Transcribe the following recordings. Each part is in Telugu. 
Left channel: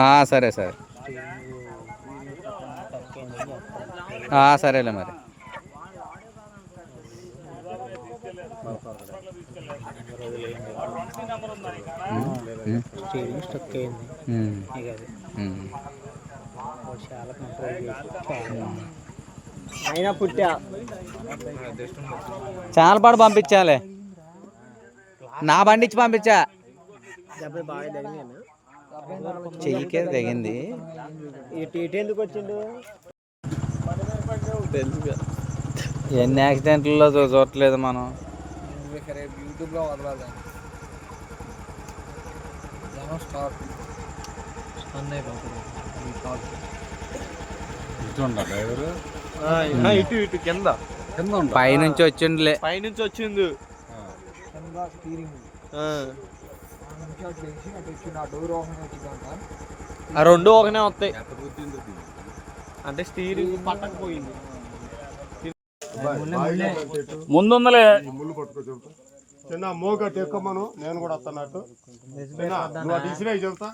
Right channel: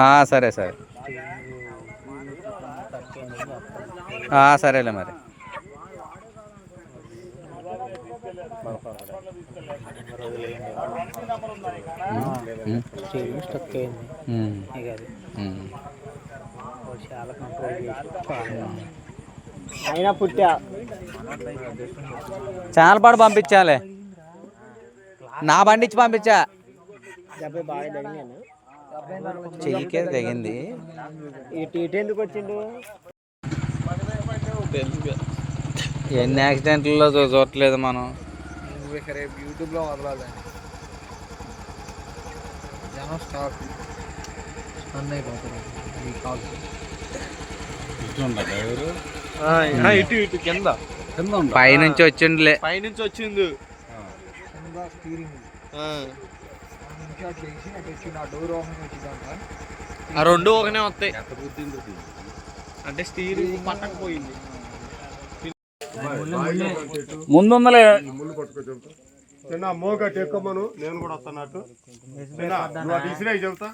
ఆ, సరే సరే. సరేలే మరి. అయినా పుట్టా చాలా పాటు పంపించాలి. నా బండి ఇచ్చి పంపించా. చెయ్యికే తెగింది ఇటు ఇటు ఎందుకు వచ్చిండు? ఎన్ని యాక్సిడెంట్లలో చూడట్లేదు మనం. యూట్యూబ్లో వదలాలి. జనం స్టాక్. స్టన్ అయిపోతుంది. ఈ కాల్. ఇటు ఇటు కింద. పైనుంచి వచ్చిండులే. పైనుంచి వచ్చింది. కింద స్టీరింగ్ నుంచి అటు చేసి అటు వచ్చి నా డోర్ ఓపెన్ వచ్చిందంట ఆ రెండు ఒకనే వస్తాయి అంటే స్టీరింగ్ పక్కకు పోయింది ముళ్ళు పట్టుకో చెబుతా. చిన్న మోగ టెక్కమను నేను కూడా అటు ఇసిరేయ్ చెబుతా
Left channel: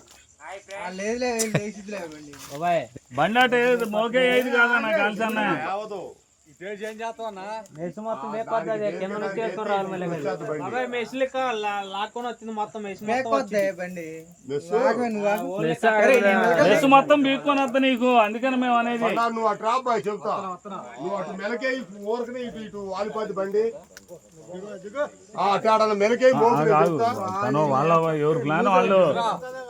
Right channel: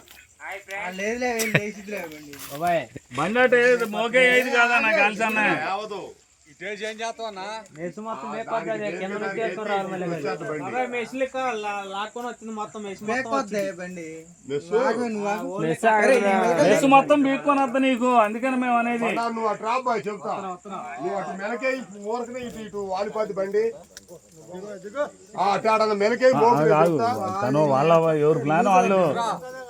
బండి అంటే మోకే ఏది కాదా నాకు కలిసి అన్న? ఏం చేస్తావన్నా? మెస్ మొత్తం లెక్క లాక్కొని వచ్చింది మొత్తం మెస్ మొత్తం బీక్కొని వద్ద నీకు. అందుకని మేము అనేది అన్నా, నువ్వు అటు రాబోయ్ బాయ్ చెబుతా నువ్వు అటు మెలకే ఊరకనే ఇటు ఇటు వాలిపోద్ది బండి. అటు మెలకే వాళ్ళ ఎవరు ప్లాన్ వాళ్ళు?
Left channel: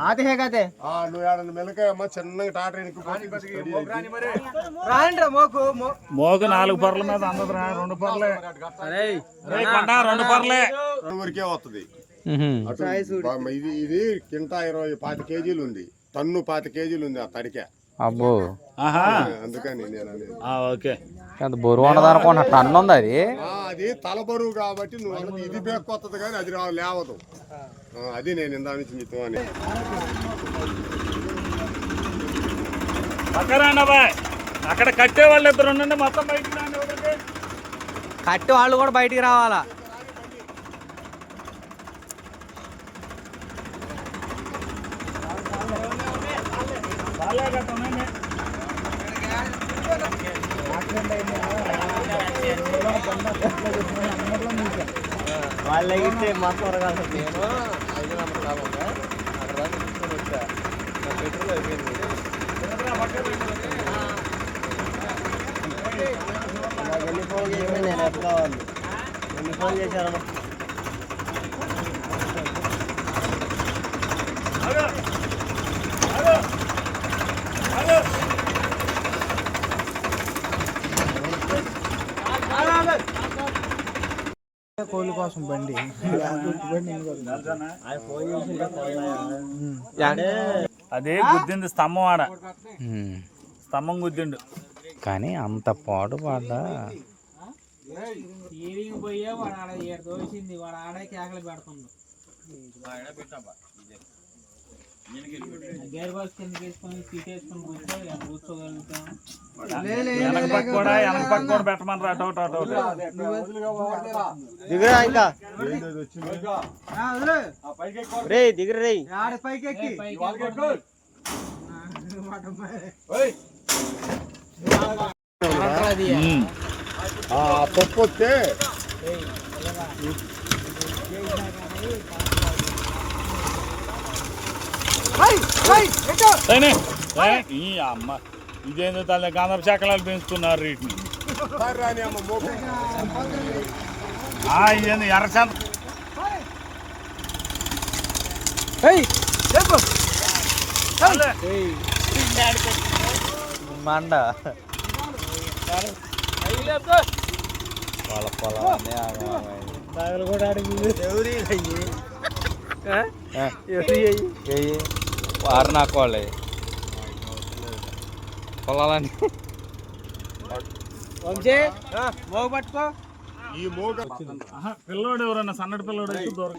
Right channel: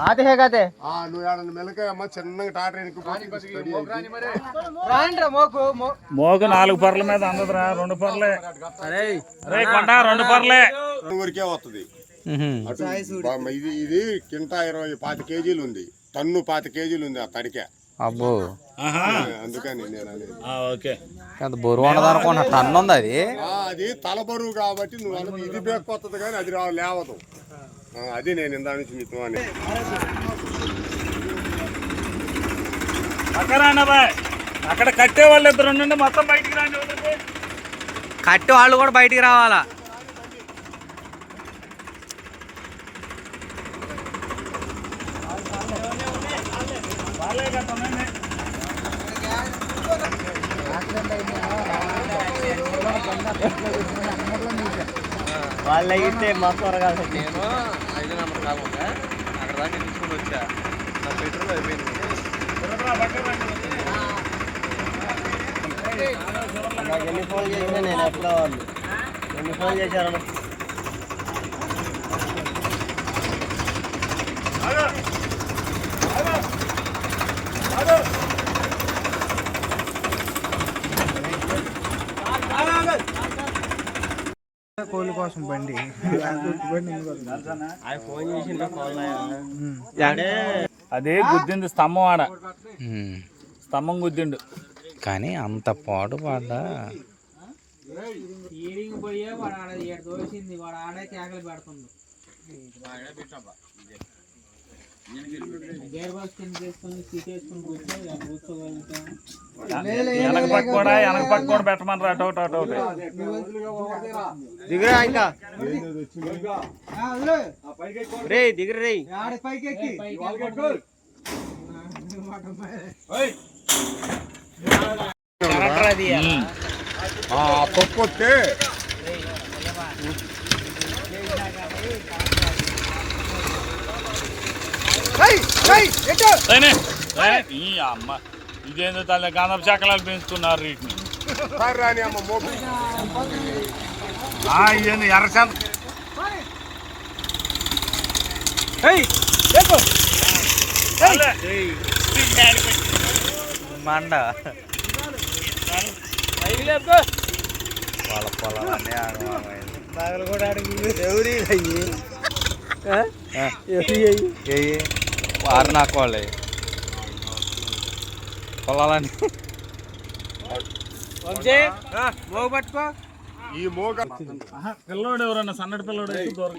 ఆతే హే కాతే? ఆ, నువ్వు ఆడ మెలకాయ అమ్మ చిన్నగా టాటర్ రాండి రా మోకు నాలుగు పర్ల మీద అందదురా రెండు పర్లే. రే కొండ రెండు పర్లే. ఊరికే వస్తుంది ఇది ఇది కింట ఇరవై పాతి కేజీలు ఉంది. టన్ను పాతి కేజీలు ఉంది ఆ తడికే. అబ్బో. అందుకని బరువు ఉండదు అనుకున్నా టన్ను ఉంది అది. ఆ, అది తల బరువు కాబట్టి నువ్వు ఇది బేక్కొత్తది కానీ అది లేవదు. ఆ, అది నేను ఇందా నుంచి మీతో అని. అక్కడ కట్టే వాళ్ళు ఇద్దరు ఉండండి మొత్తం బయటికి రాండి వదలండి. కట్టి వాళ్ళు కూడా బయటికి రావాలా? వాళ్ళే కట్ట వాళ్ళు అయితే మొత్తం త్వరగా నేను ఐదు వందల కాలం అక్కడ దాకా తీసుకొని వచ్చా. నా పెట్రోల్ అయిపోయింది. నాకు ఎన్ని ఫోన్ చేసినా నేను ఎట్లా వాళ్ళు ఎన్ని ఫోన్ చేశారు కోళ్ళ కోసం బండి. అదే గుద్దింది స్తంభం ఆడ. స్తంభం గుద్దిండు. కానీ అంత పాటు ఈవినింగ్ పోయే వాడు ఆడ దోసింది వాడు ఆడే కేకలు పెడుతుండు. గేర్ బాక్స్ కింద తీసుకొని సీట్ వేసుకొని కూర్చో ఇలా కూర్చోగలుగుతాం వెనక పెట్టమని అటు ఒకటి అటు ఒకటి దిగురా ఇంకా ఏంటది వచ్చింది రే దిగురు రే ఆడ పైకి ఎక్కి ఉమ్. ఆ పప్పు వస్తే ఏనే? ఏ? ఈ అమ్మ ఇదేందో తల్లి గంధపు చక్రాలు పెంచుతున్నారు వీటిని. సార్ రాని అమ్మ మోపు. ఆ, ఇదేందో ఎర్రచంద మండ. వాళ్ళ పొలాలన్నీ ఆగమాగమైంది. బాగలు కూడా అడిగి ఎవరి ఏయి. వారు పొలాలని మోగు పట్టుకో ఈ మోగ పిల్లోడు ఎవరన్నా సన్నటి పిల్లోడు అయితే దూరం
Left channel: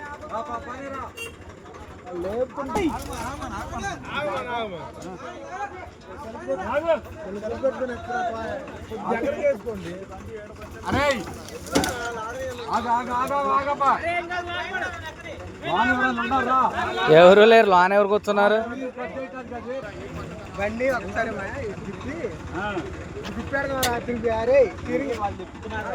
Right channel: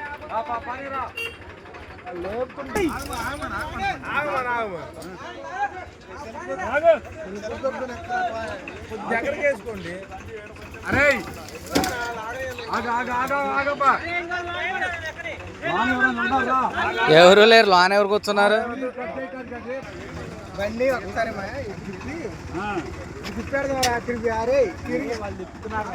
దగ్గరికి వేసుకోండి అరే ఎవరు లేరు? లోన ఎవరు కూర్చున్నారు? బండి ఒకసారి మా తిరిగి అరే తిరిగి వాళ్ళు తిప్పుతున్నారు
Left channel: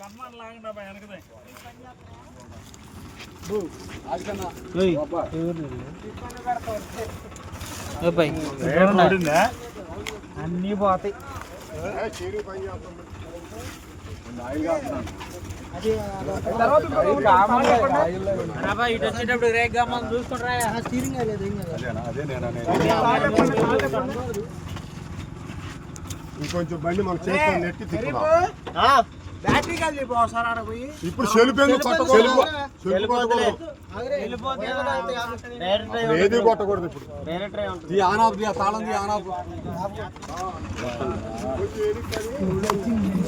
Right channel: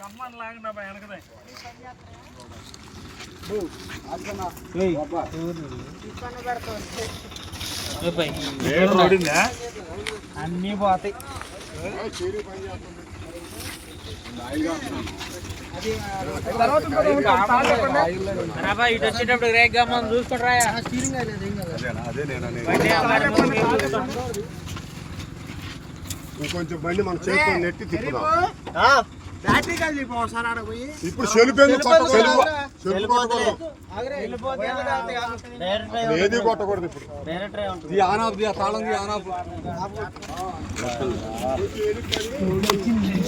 కమ్మని వెనకదే అన్నీ పోతాయి. ఇటు వచ్చేటప్పుడు రేగ్ గమ్మని చూసుకొని రాయా స్టీరింగ్ అయ్యలేదు ఏం కదా ఇంకొంచెం బండి మన చేతితో నెట్టి తిప్పుదాం. ఇప్పుడు ఏది కొట్టకూడదు ఇప్పుడు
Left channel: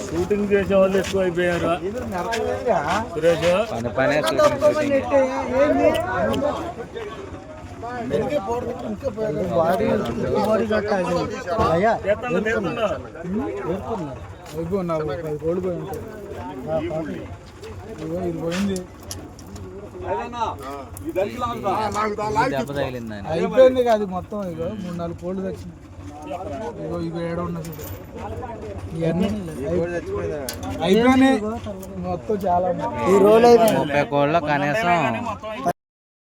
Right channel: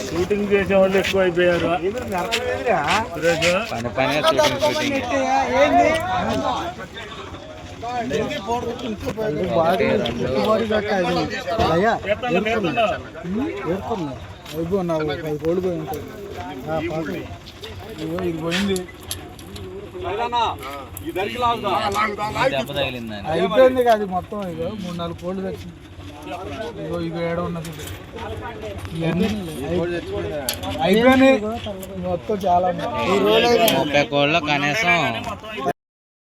షూటింగ్ చేసే వాళ్ళు ఎక్కువ అయిపోయారు. పని పనే షూటింగ్ షూటింగ్ ఎత్తండి మేతుండో అయిపోయినావు పది కోళ్ళు పోయి ఉంటాయి. ఇది పోయింది. అయిపోయింది కాదు మొత్తం ఇగో మూడు నాలుగు కోళ్ళు తెచ్చింది. ఇగో ఇగో ఏడ ఉన్నది అయిపోయినాయి. మొత్తం చాలా ముప్పై కోళ్ళు కనీసం.